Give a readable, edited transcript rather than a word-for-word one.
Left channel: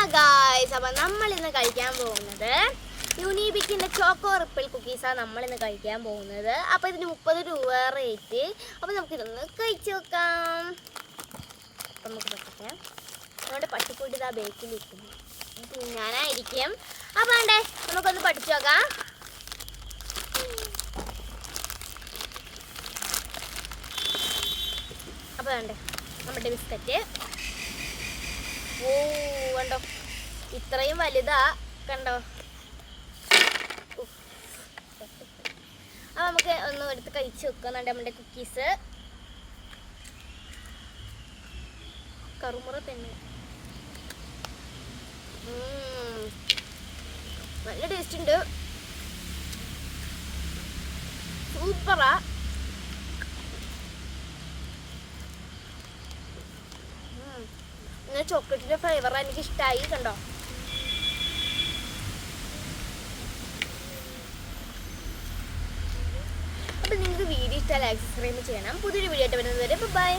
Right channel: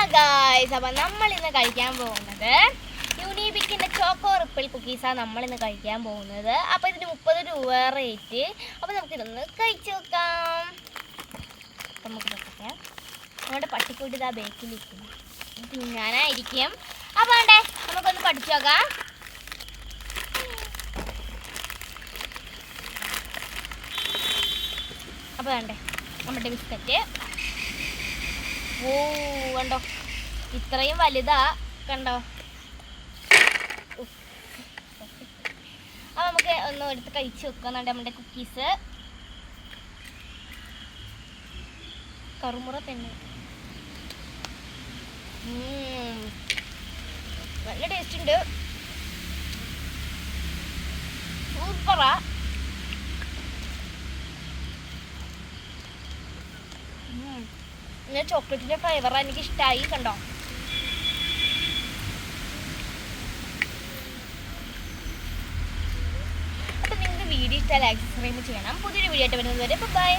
Hello guys, അപ്പം നമ്മളിന്ന് കഴിക്കാൻ പോകുന്നത് യൂണിബിക്കിൻ്റെ ചോക്കോ റിപ്പിൾ കുക്കീസാണ് നമ്മളിന്ന് കഴിക്കാൻ പോകുന്നത്. അപ്പോൾ ഇതിന് 30 രൂപ റേറ്റ്. അപ്പോൾ നമുക്കിതൊന്ന് കഴിച്ചു നോക്കാം. നമുക്ക് നോക്കാം, നമ്മുടെ പട്ടിക്കൂട്ടി ഇതാ ബേക്കിലിരിക്കുന്നു, ഞാനായിരിക്കും. അപ്പോൾ വേണ്ടേ നമുക്കൊന്ന് പഠിച്ചു നോക്കാം. അപ്പോൾ വേണ്ടേ നമ്മുടെ ബിസ്ക്കറ്റ്. ഓ കണ്ടോ, ഇത്രയും വലുതാ കണ്ടോ. അപ്പോൾ നമുക്ക് ഒന്ന് എടുത്ത് കഴിച്ച് വെക്കുന്നുണ്ട് നമ്മുടെ കുക്കീസ്. കറുമുറ പെണ്ണ്, നല്ല ടേസ്റ്റ് ഉണ്ട്, സൂപ്പറാ. ചോക്ലേറ്റിന്റെ ഫ്ലേവർ എനിക്ക് ഇഷ്ടമായി കണ്ടോ. അപ്പൊ നിങ്ങൾക്ക് വീഡിയോ ഇഷ്ടമായി ലൈക്ക് സബ്സ്ക്രൈബ് ചെയ്യണം. പുതിയൊരു വീഡിയോ ആയിട്ട് വരുന്നത് വരെ ബൈ.